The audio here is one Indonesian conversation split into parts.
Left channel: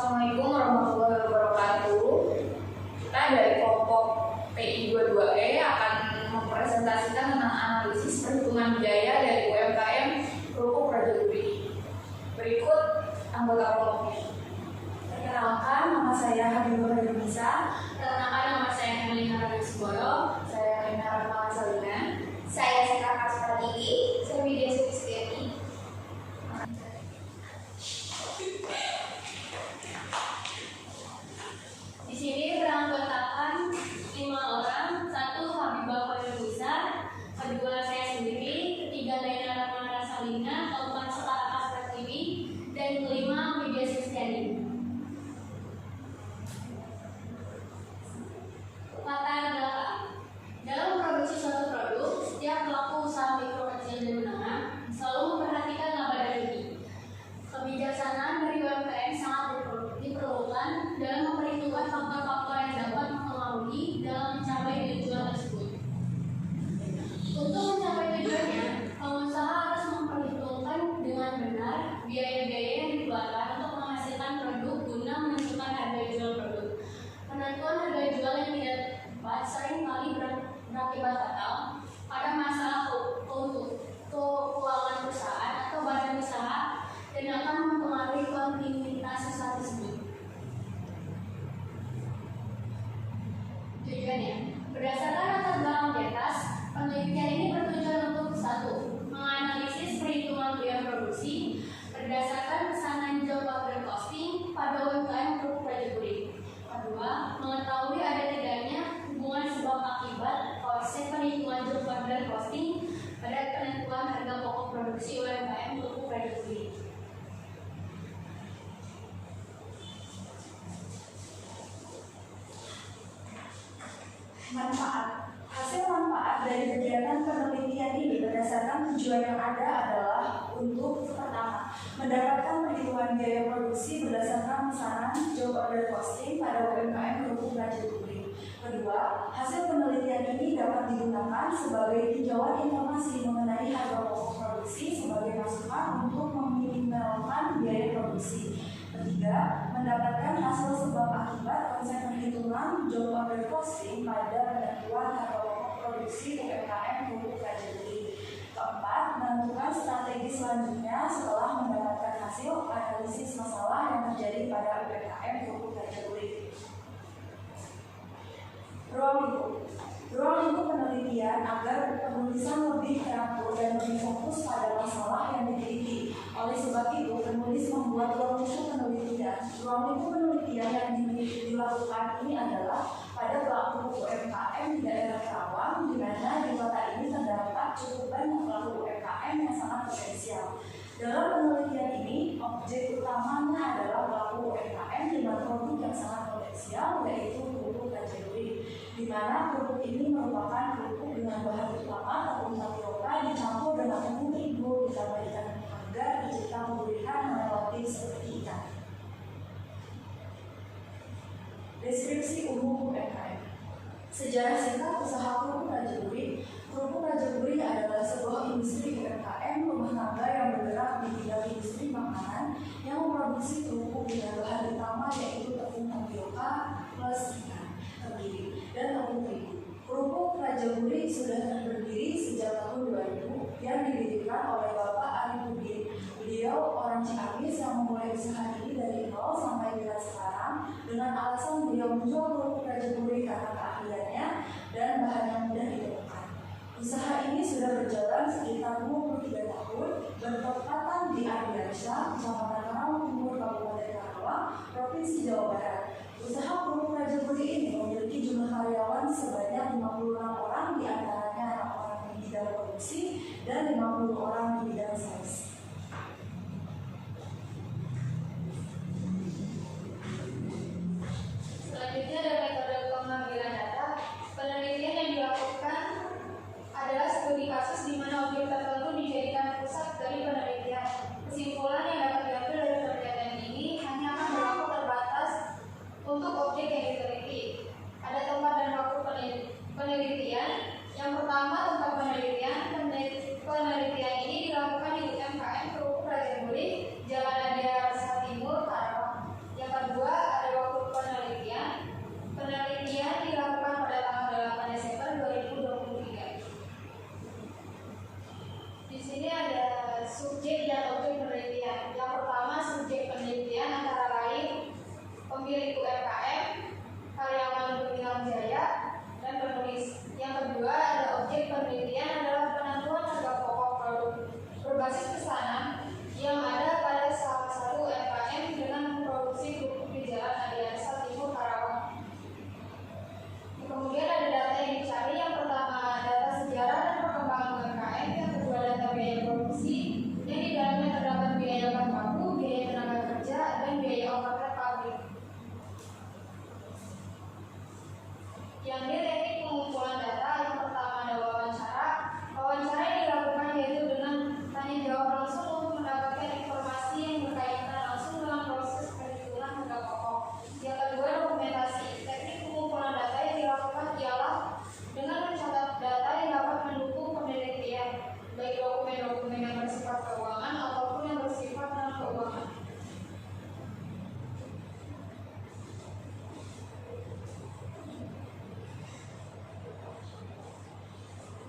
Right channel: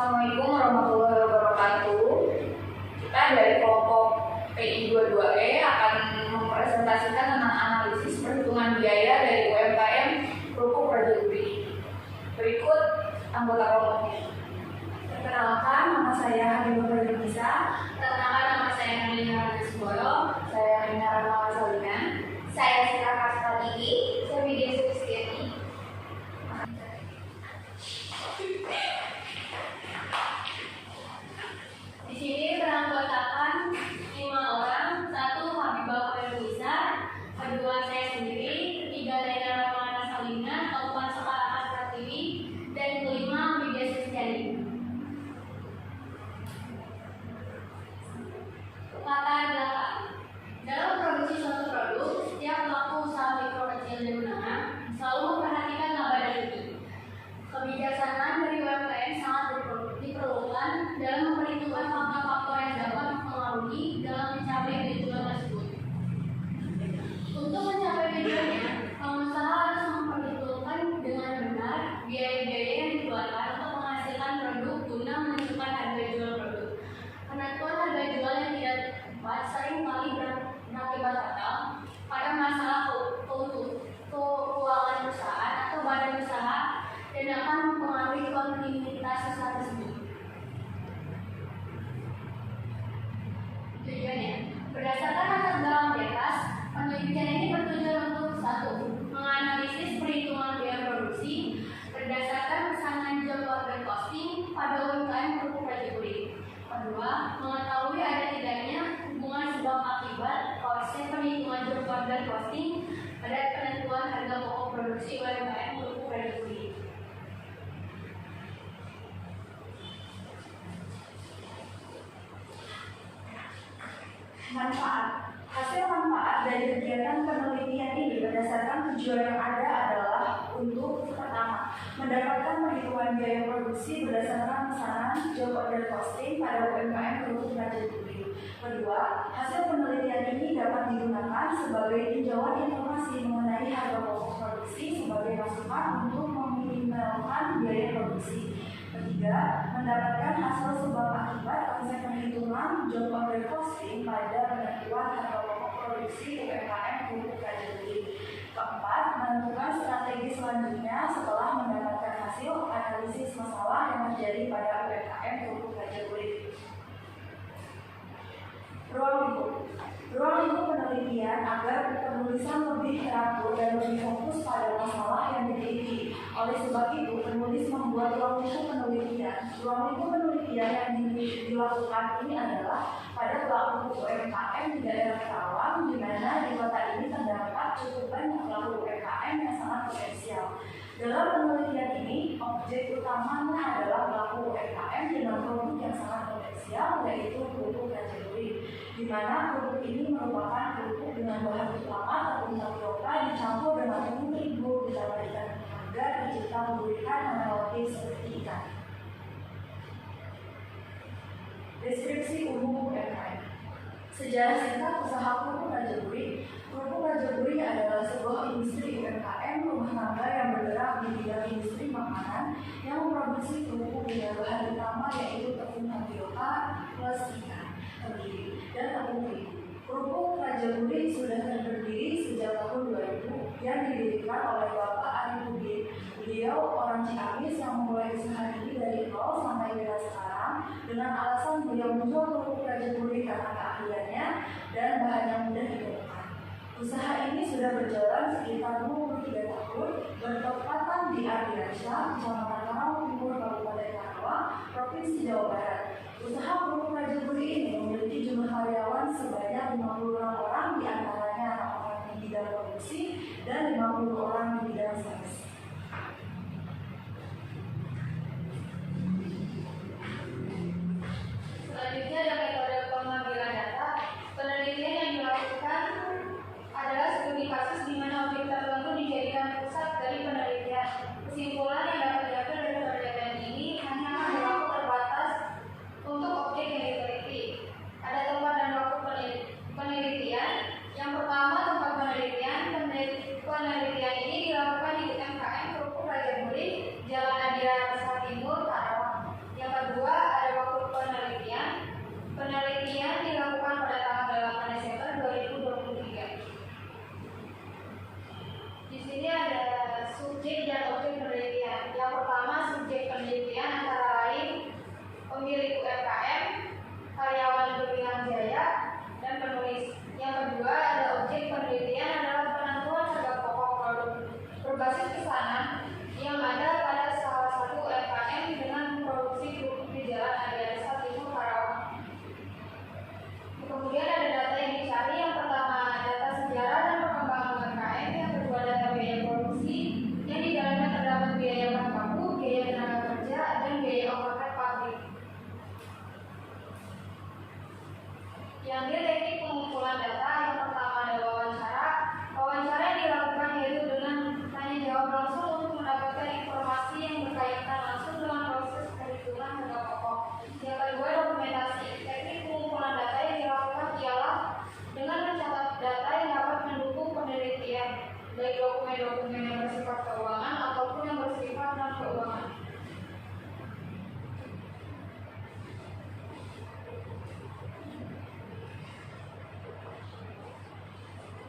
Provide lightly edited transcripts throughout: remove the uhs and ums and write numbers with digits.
Assalamualaikum warahmatullahi wabarakatuh. Kita dari kelompok PI22E akan mempresentasikan tentang analisis perhitungan biaya dari UMKM Kerupuk Raja Guri. Berikut anggota kelompoknya. Perkenalkan, nama saya Habibur Nisa. Perkenalkan, nama saya Melina Radesboyo. Saya Rina Rahma Salina. Saya Sita Kasratigi. Saya Widya Sulistiani. Di sini beranggotakan 5 orang, 1 Habibah Nisa, kedua saya sendiri, ketiga Rina Rahma Salina, keempat Sita Kasratigi, dan kelima Widya Sulistiani. Latar belakang. Dalam produksi suatu produk, setiap pelaku usaha mikro, kecil, dan menengah selalu memperhatikan laba dan rugi. Kebijaksanaan dari UMKM sangat diperlukan dalam memperhitungkan faktor-faktor yang dapat mempengaruhi dalam mencapai tujuan tersebut. Untuk mencapai tujuannya, pengusaha harus memperhitungkan dengan benar biaya-biaya yang dikeluarkan untuk menghasilkan produk guna menentukan harga jual produk. Penentuan harga jual yang tidak tepat sering kali berakibat fatal pada masalah keuangan perusahaan atau badan usaha dan akan mempengaruhi kontinuitas usaha tersebut. Tujuannya, berdasarkan latar belakang di atas, penelitian ini bertujuan untuk 1. Menganalisis perhitungan biaya produksi berdasarkan pesanan job order costing pada UMKM Kerupuk Raja Guri. 2. Mengetahui ada tidaknya hubungan sebab akibat konsep perhitungan job order costing pada penentuan harga pokok produksi UMKM Kerupuk Raja Guri. Manfaat. Hasil manfaat dari kegiatan penelitian ini berdasarkan tujuan yang ada adalah untuk pertama, mendapatkan perhitungan biaya produksi berdasarkan pesanan job order costing pada UMKM Kerupuk Raja Guri. Kedua, hasil penelitian ini dapat digunakan sebagai tinjauan informasi mengenai harga pokok produksi sebagai masukan untuk meminimalkan biaya produksi. Ketiga, mendapatkan hasil sebab akibat konsep perhitungan job order costing pada penentuan harga pokok produksi UMKM Kerupuk Raja Guri. Keempat, menentukan strategi selanjutnya setelah mendapatkan hasil analisis masalah yang terjadi pada UMKM Kerupuk Raja Guri. Ruang lingkup penelitian agar penulisan lebih teratur dan lebih fokus pada masalah yang diteliti. Oleh sebab itu, penulis membuat ruang lingkup penelitian. Ruang lingkup penelitian yang dilakukan ini adalah pada pelaku UMKM di daerah Karawang, di mana di kota ini terdapat cukup banyak pelaku UMKM yang sangat potensial. Dalam penelitian ini, objek utamanya adalah pelaku UMKM dengan produk yang sangat potensial, yaitu kerupuk Raja Guri, di mana kerupuk ini merupakan kerupuk dengan bahan utama tepung tapioka dicampur dengan tepung terigu ditambah ikan agar tercipta kegurihan yang relatif seperti ikan. Deskripsi umum UMKM. Sejarah singkat usaha Kerupuk Raja Guri. Kerupuk Raja Guri adalah sebuah industri UMKM rumah tangga yang bergerak di bidang industri makanan yang memproduksi kerupuk dengan bahan utama yaitu tepung tapioka plus ikan, kebiri, dan tepung terigu. Kerupuk Raja Guri sudah berdiri sejak tahun 2000 yang didirikan oleh Bapak Ari Pudin. Beliau orang Ciamis yang memulai usaha ini dari nol sampai dengan sekarang dengan alasan beliau menjual kerupuk Raja Guri karena keahliannya dan bahan yang mudah ditemukan. Usaha ini sudah berjalan sekitar 23 tahun, bertepatan di Ardiansyah, Kecamatan Karawang Timur, Kabupaten Karawang, Provinsi Jawa Barat. Usaha Kerupuk Raja Guri ini memiliki jumlah karyawan sebanyak 56 orang, di antaranya orang di bidang produksi dan 50 orang di bidang sales. Selanjutnya ada metode pengambilan data. Penelitian yang dilakukan adalah studi kasus di mana objek tertentu dijadikan pusat dari penelitian. Kesimpulan yang dapat diambil dari Yang D, teknik pengumpulan data. Yang pertama ada wawancara. Wawancara yang dilakukan yaitu dengan tanya jawab langsung untuk mendapatkan informasi yang berkaitan langsung dengan proses perhitungan harga pokok. Yang kedua, dokumentasi. Teknik pengumpulan data yang dilakukan ialah dengan mencatat data yang dapat mendukung penelitian, baik dokumen-dokumen yang bersifat keuangan ataupun yang bersifat non keuangan.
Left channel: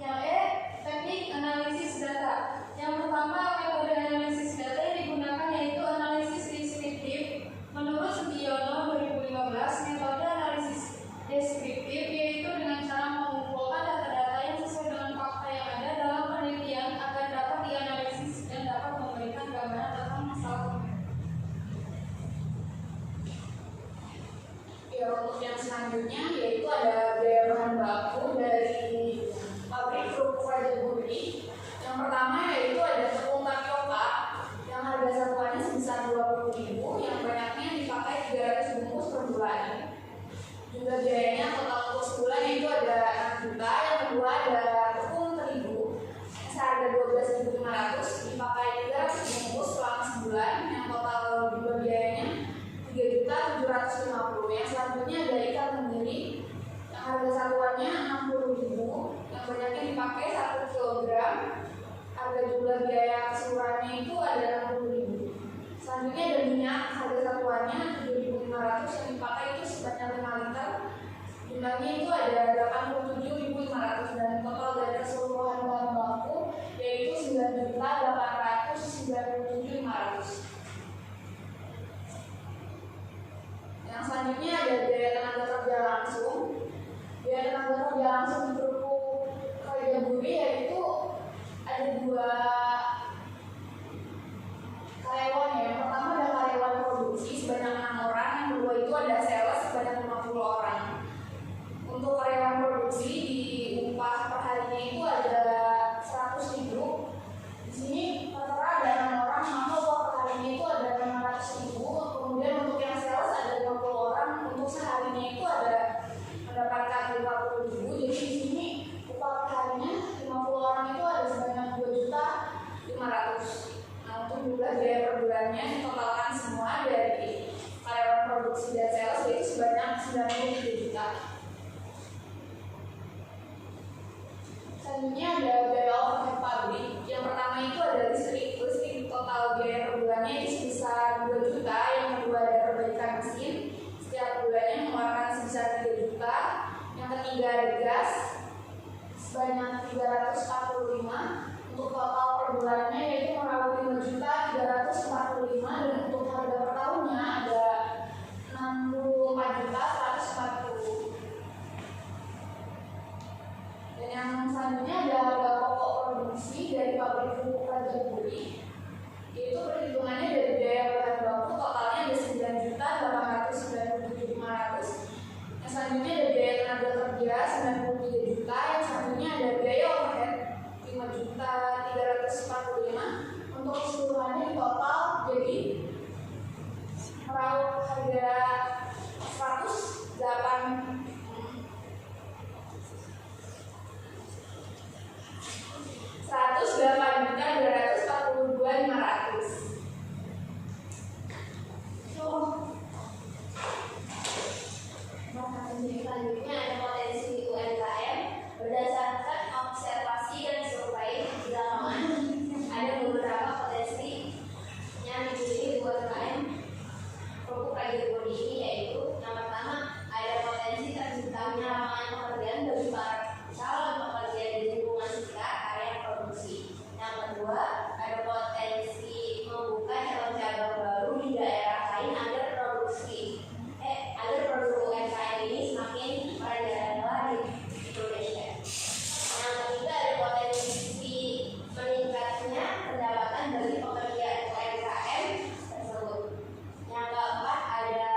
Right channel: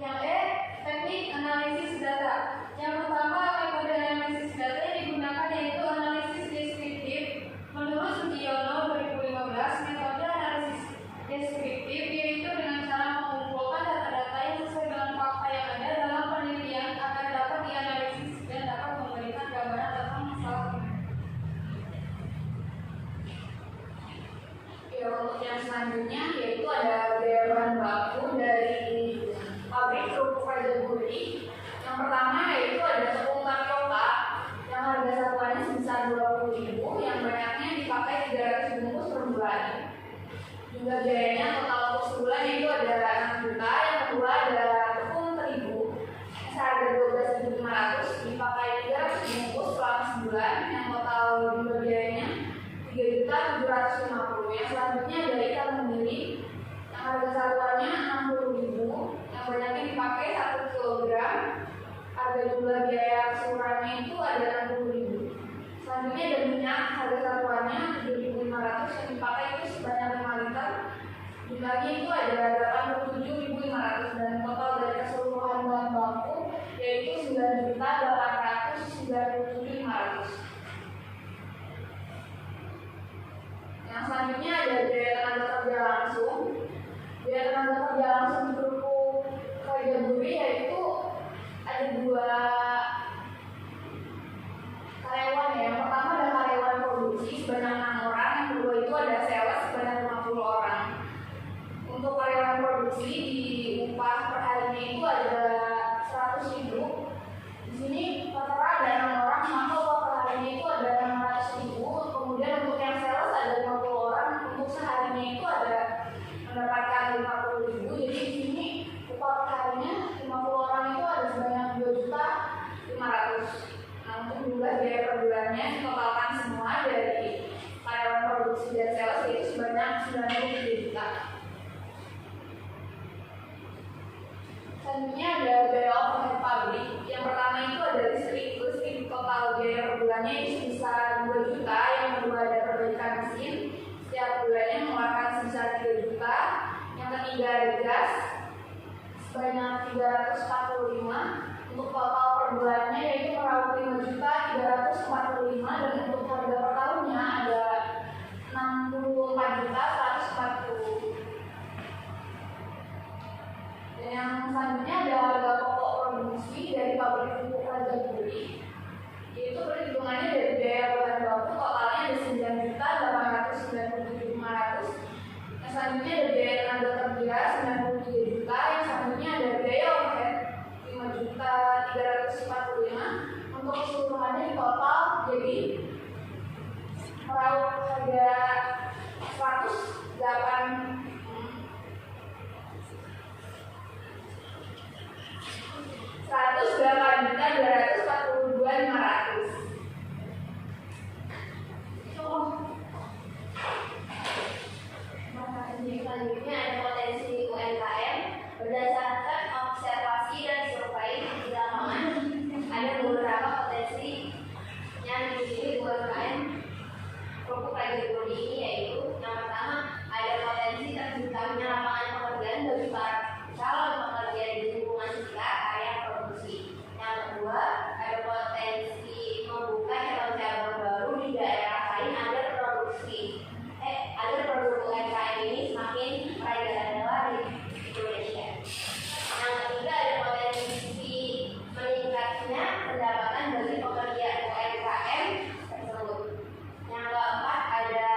Yang E, teknik analisis data. Yang pertama, metode analisis data yang digunakan yaitu analisis deskriptif. Menurut Sugiono 2015, metode analisis deskriptif yaitu dengan cara mengumpulkan data-data yang sesuai dengan fakta yang ada dalam penelitian agar dapat dianalisis dan dapat memberikan gambaran tentang masalah. Ya, untuk yang selanjutnya yaitu ada biaya bahan baku dari pabrik kerupuk Raja Buri. Yang pertama yaitu ada tepung tapioka yang harga satuannya sebesar 20.000, yang banyaknya dipakai 300 bungkus per bulan. Juga biayanya total untuk sebulan yaitu ada 6 juta. Yang kedua ada tepung terigu seharga 12.500 dipakai 300 bungkus selama sebulan, yang total juga biayanya 3.750. Yang selanjutnya ada ikan memilih yang harga satuannya 60.000, yang banyaknya dipakai 1 kg. Harga jumlah biaya keseluruhannya itu ada 60.000. Selanjutnya ada minyak harga satuannya 7.500 yang dipakai itu sebanyak 5 liter. Jumlahnya itu ada 87.500 dan total dari keseluruhan bahan baku yaitu 9.897.500. Yang selanjutnya ada biaya tenaga kerja langsung. Biaya tenaga kerja langsung di kerupuk Raja Buri yaitu ada 2 karyawan ya. Yang pertama ada karyawan produksi sebanyak 6 orang, yang kedua itu ada sales sebanyak 50 orang. Untuk karyawan produksi di upah per harinya itu ada 100.000. Di sini rata-rata ada 6 orang, maka upah per harinya itu ada 600.000. Kemudian untuk yang sales ada 50 orang, untuk seharinya itu ada mendapatkan 50.000. Jadi di sini upah per harinya 50 orang itu ada sebanyak 2.500.000. Nah, untuk jumlah biaya per bulannya ditotalkan semua dari karyawan produksi dan sales yaitu sebanyak 93 juta. Selanjutnya ada biaya overhead pabrik. Yang pertama itu ada listrik. Listrik total biaya per bulannya itu sebesar 2 juta. Yang kedua ada perbaikan mesin, setiap bulannya mengeluarkan sebesar 3 juta. Yang ketiga ada gas sebanyak 345. Untuk total per bulannya yaitu meraup 5.345, dan untuk harga per tahunnya ada 64.140. Dan yang selanjutnya ada harga pokok produksi dari pabrik kerupuk Raja Buri, yaitu perhitungannya dari biaya bahan baku totalnya ada 9.897.500. Yang selanjutnya ada biaya tenaga kerja 93 juta. Yang selanjutnya ada biaya overhead 5.345. Untuk keseluruhannya di total jadi meraup harga 108.242.500. Selanjutnya ada potensi UMKM berdasarkan observasi dan survei di lapangan. Ada beberapa potensi yang dimiliki UMKM kerupuk Raja Buri ini, yaitu yang pertama ada potensi terciptanya lapangan pekerjaan bagi para calon pekerja di lingkungan sekitar area produksi. Yang kedua ada potensi membuka cabang-cabang baru di daerah lain agar produk UMKM ini semakin merajalela di Indonesia. Yang ketiga ada potensi meningkatnya pendapatan bagi pekerja UMKM tersebut. Yang keempat ada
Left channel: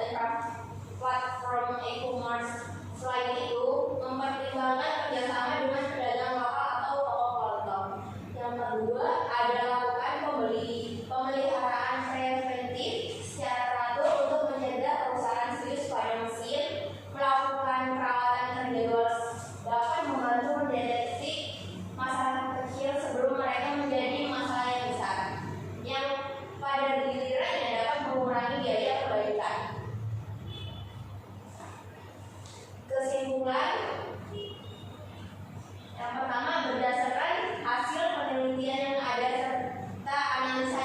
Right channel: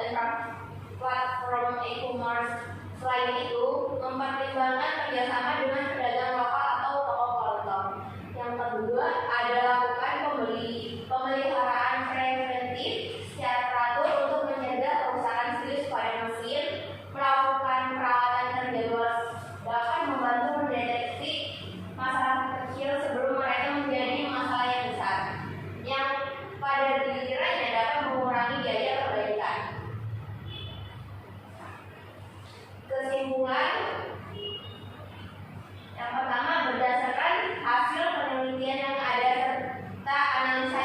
dan platform e-commerce. Selain itu, mempertimbangkan kerjasama dengan pedagang lokal atau toko kolektor. Yang kedua adalah lakukan pemeliharaan preventif secara teratur untuk mencegah kerusakan serius pada mesin, melakukan perawatan terjadwal, dapat membantu mendeteksi masalah kecil sebelum mereka menjadi masalah yang besar, yang pada gilirannya dapat mengurangi biaya perbaikan. Kesimpulan yang pertama, berdasarkan hasil penelitian yang ada serta analisa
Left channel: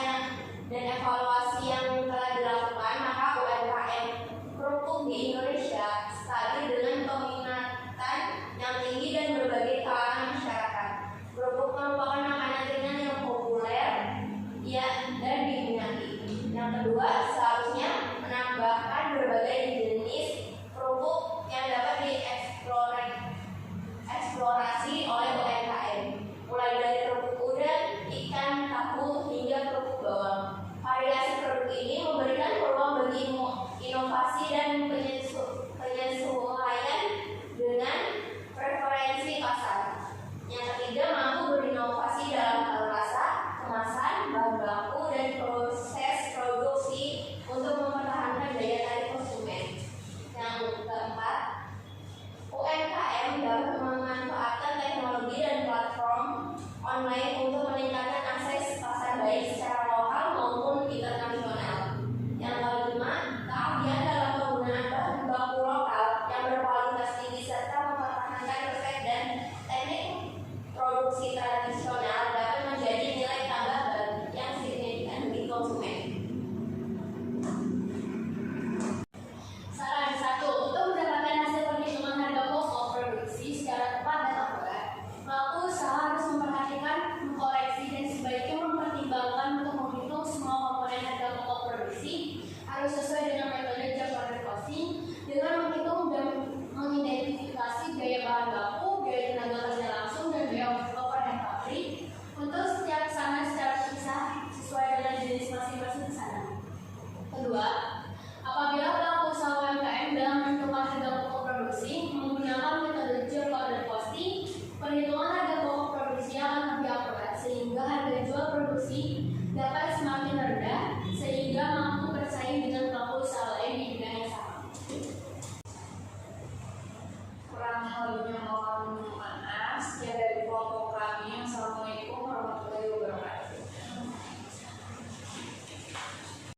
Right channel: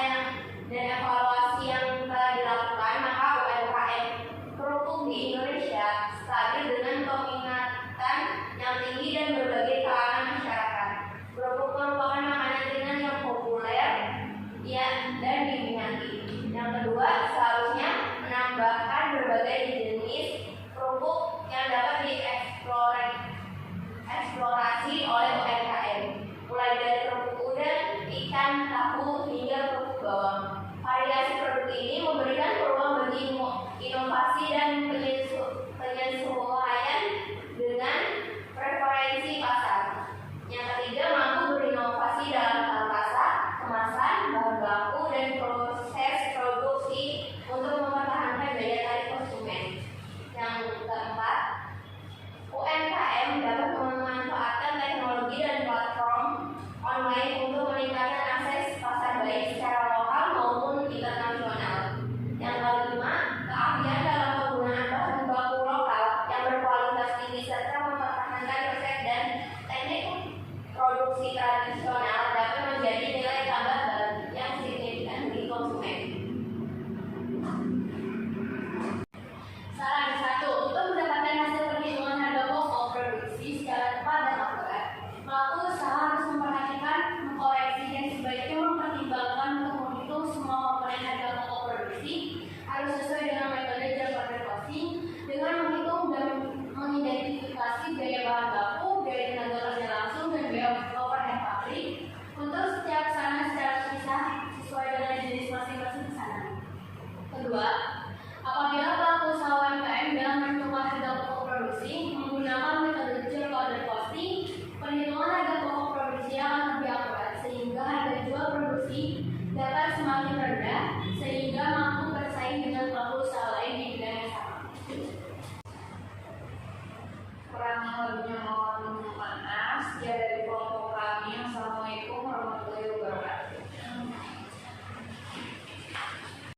dan evaluasi yang telah dilakukan, maka UMKM kerupuk di Indonesia stabil dengan peminatan yang tinggi dan berbagai kalangan masyarakat. Kerupuk merupakan makanan ringan yang populer dan diminati. Yang kedua, seharusnya menambahkan berbagai jenis kerupuk yang dapat dieksplorasi oleh UMKM, mulai dari kerupuk udang, ikan, tahu, hingga kerupuk bawang. Variasi produk ini memberikan peluang bagi inovasi dan penyesuaian dengan preferensi pasar. Yang ketiga, mampu berinovasi dalam hal rasa, kemasan, bahan baku, dan proses produksi untuk mempertahankan daya tarik konsumen. Yang keempat, UMKM dapat memanfaatkan teknologi dan platform online untuk meningkatkan akses pasar baik secara lokal maupun internasional. Yang kelima, keahlian dalam penggunaan bahan baku lokal yang berkualitas tinggi serta mempertahankan resep dan teknik produksi tradisional dapat menjadi nilai tambah yang signifikan bagi konsumen. Saran 1. Untuk mendapatkan hasil perhitungan harga pokok produksi secara tepat dan akurat, pelaku usaha harus memperhatikan, mengkoreksi, dan sebaiknya mempertimbangkan untuk menghitung semua komponen harga pokok produksi harus sesuai dengan metode job order costing dengan menghitung dan mengidentifikasi biaya bahan baku, biaya tenaga kerja langsung, dan biaya overhead pabrik untuk setiap pesanan secara terpisah sesuai dengan jenis masing-masing pesanan. Kedua, apabila pelaku usaha UMKM dalam menentukan harga pokok produksi menggunakan metode job order costing, perhitungan harga pokok produksi akan lebih akurat sehingga harga jual produksi dapat semakin rendah sehingga